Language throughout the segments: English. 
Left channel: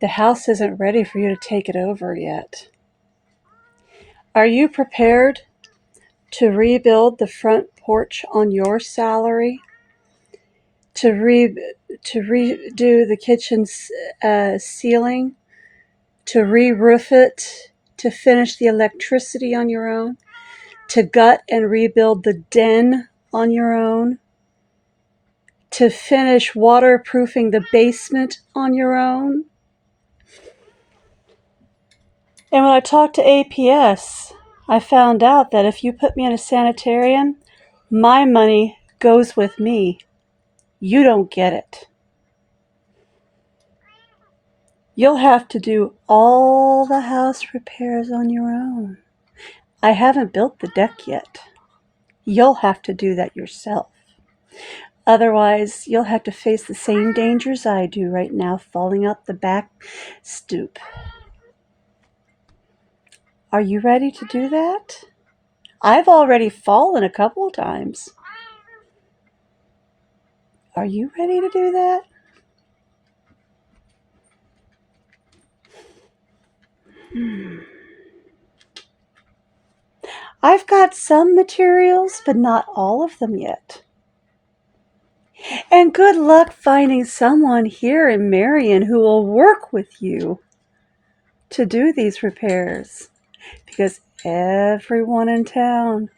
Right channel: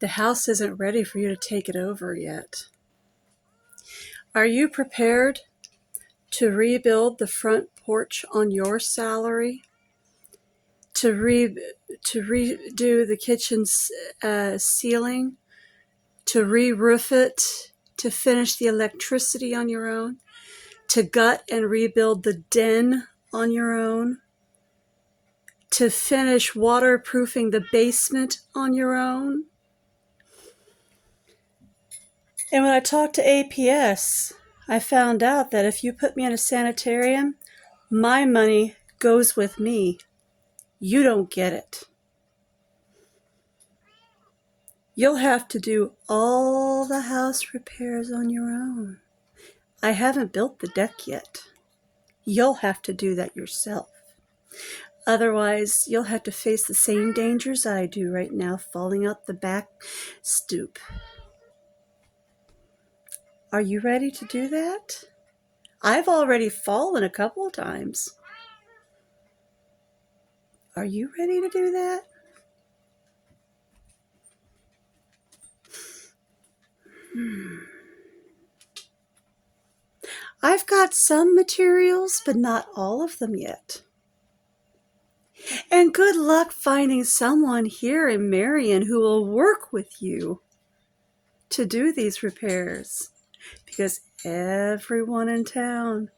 The house isn't ready for you to take it over yet. Are you prepared to rebuild the front porch on your salary? To redo the kitchen's ceiling? To re-roof it? To finish the electricity on your own? To gut and rebuild the den on your own? To finish waterproofing the basement on your own? And when I talked to APS, I found out that if you put me in a sanitarium, my money goes with me. You don't get it. You'll have to do all the house repairs on your own. I haven't built the deck yet. You'll have to do that yourself. Otherwise, you'll have to face the same dangers I do right now, falling out the back stoop. Are you ready to do that? I've already fallen a couple of times. Are you ready to do that? I've got some materials, but not all of them yet. And good luck finding someone here in Marion who will work with you to do these repairs, because everyone in town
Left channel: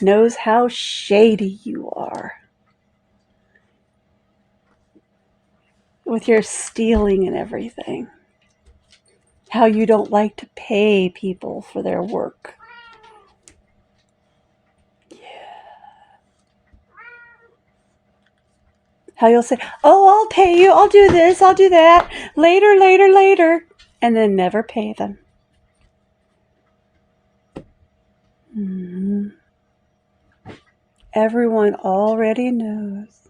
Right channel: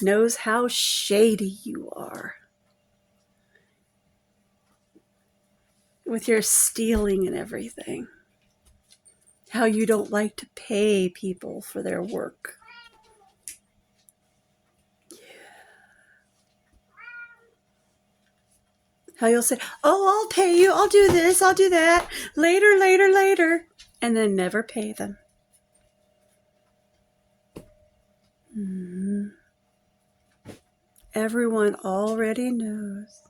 knows how shady you are with your stealing and everything. How you don't like to pay people for their work. How you'll say, oh, I'll pay you, I'll do this, I'll do that, later, and then never pay them. Mm-hmm. Everyone already knows.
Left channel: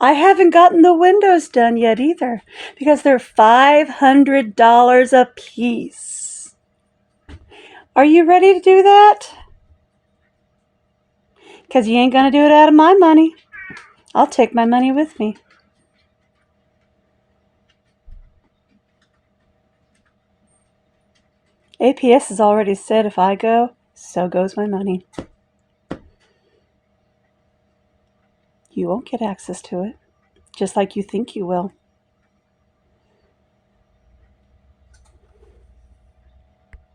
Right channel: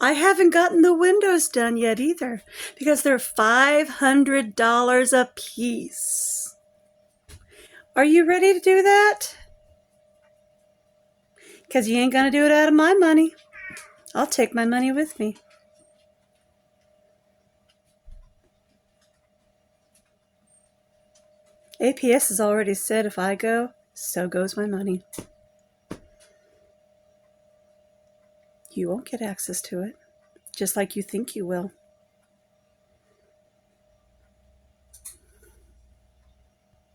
I haven't gotten the windows done yet either, because they're $500 a piece. Are you ready to do that? Because you ain't going to do it out of my money. I'll take my money with me. APS has already said if I go, so goes my money. You won't get access to it, just like you think you will.